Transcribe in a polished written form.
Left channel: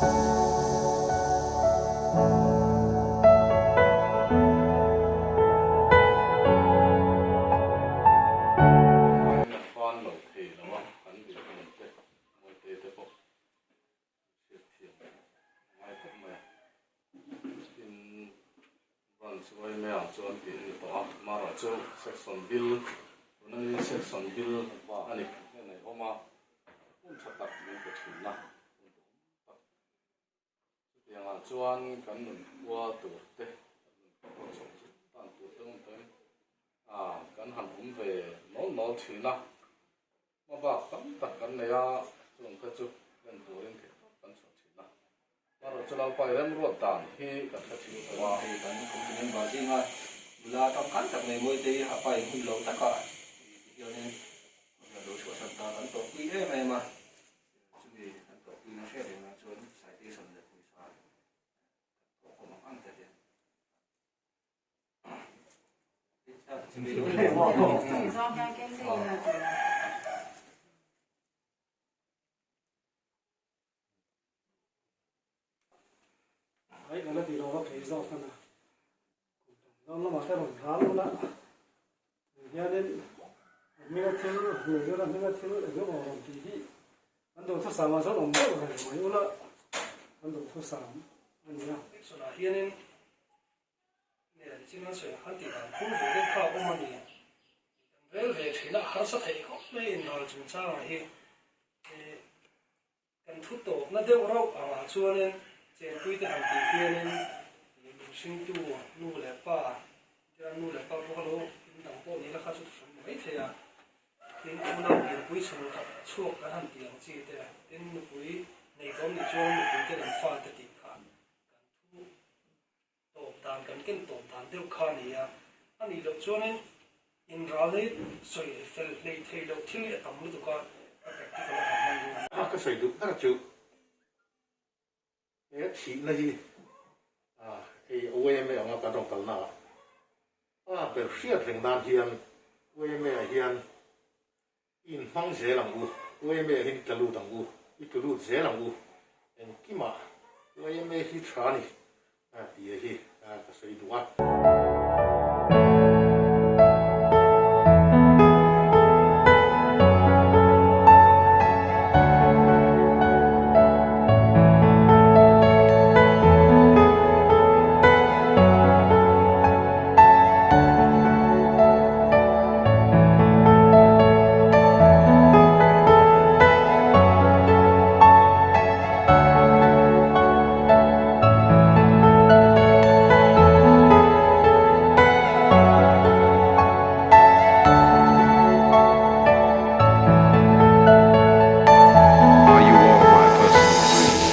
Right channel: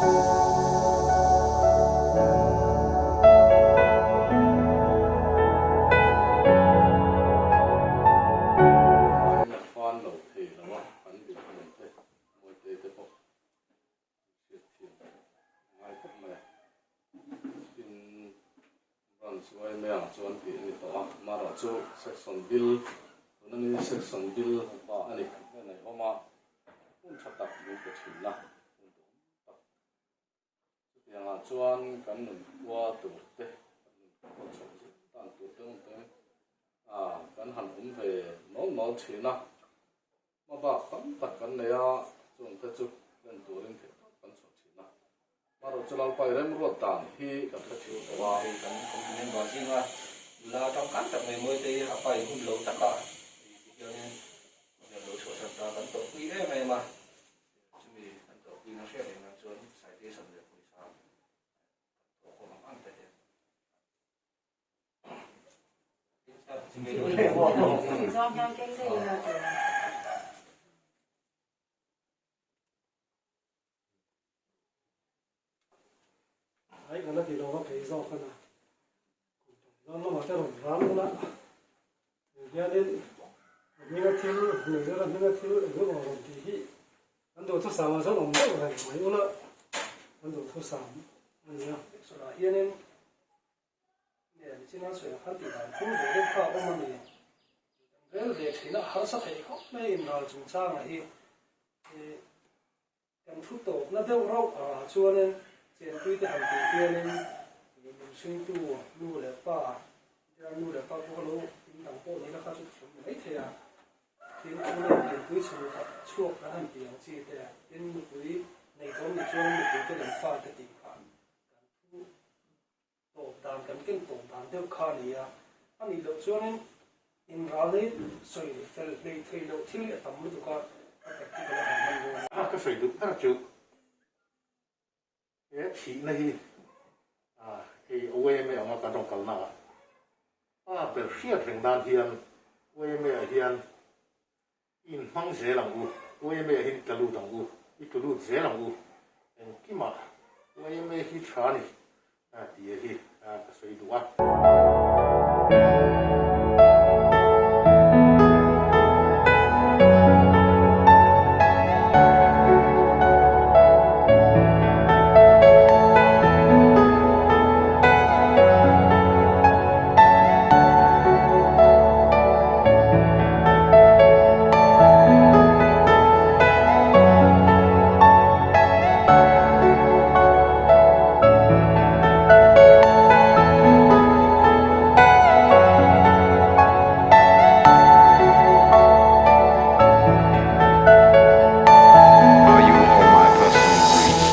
Suai mèo chuan ti to mara chu section bill nani section bill ani nei homa un thatak lu ko thina yang chuan kan nun wa tu te ko chong tan tu teng teng kan han ve no thina ma ba kan tak kan ne ya chuan te chu len turin ke kan chong thina maro chulang pai rem ro tan hi ka thi wa thì kan komplain ba sin wa la tam kan tak mai moi te ha pai hun lo ta ka yo ne ya lo chho ta ta kan to pi e mai ma chumi kan to pi na she de na chuan citation de pui sa to ko ma an te de chumi lo le wa do theo cái này là ấy cái nó thì nó thấy rõ hơn là nó mà cái đồng rán nó đã nhà đến những cái thiếu người đó là những cái thiếu để nó vào làm gì anh đồ thuốc sản mà rất đồng rất là mấy nó anh đồ thuốc sản anh nhớ số là hiện nay nè chỉ nói chuyện hắn thì là cũng về đến cả ông mình rồi về thì nó hắn sẽ thấy không mấy nào chúng ta là hiện cần thuốc tổ nó đều rau cho nên trên quy định hàng tỷ kia nên mình sinh tu nu lệ pa cho nu lệ pa có lỗ đằng phố này là khá chút sống mấy thế à đến hôm nay mình quy trình tập chuộc cái hàng tỷ chỉ thế đến một quy này có một chỗ một quy cái làm pha cái tiền khăn cần thu tổ đàn cần kinh tổ đàn đều khá này à anh đi được cho nên in ra đấy rồi phải lấy thay đầu thiếu cái tầm mức của cái cái là cái sử dụng rất là chịu cái chỉ này cái OEM ở ngoài cả đồng cảnh nào về siết thành đàn hiền OEM hiền in phăng dễ làm OEM hiền cái lúa thằng cái lúa dễ làm cái mà OEM hiền trả này thì hiền cái sử dụng Are you all my personal dreams?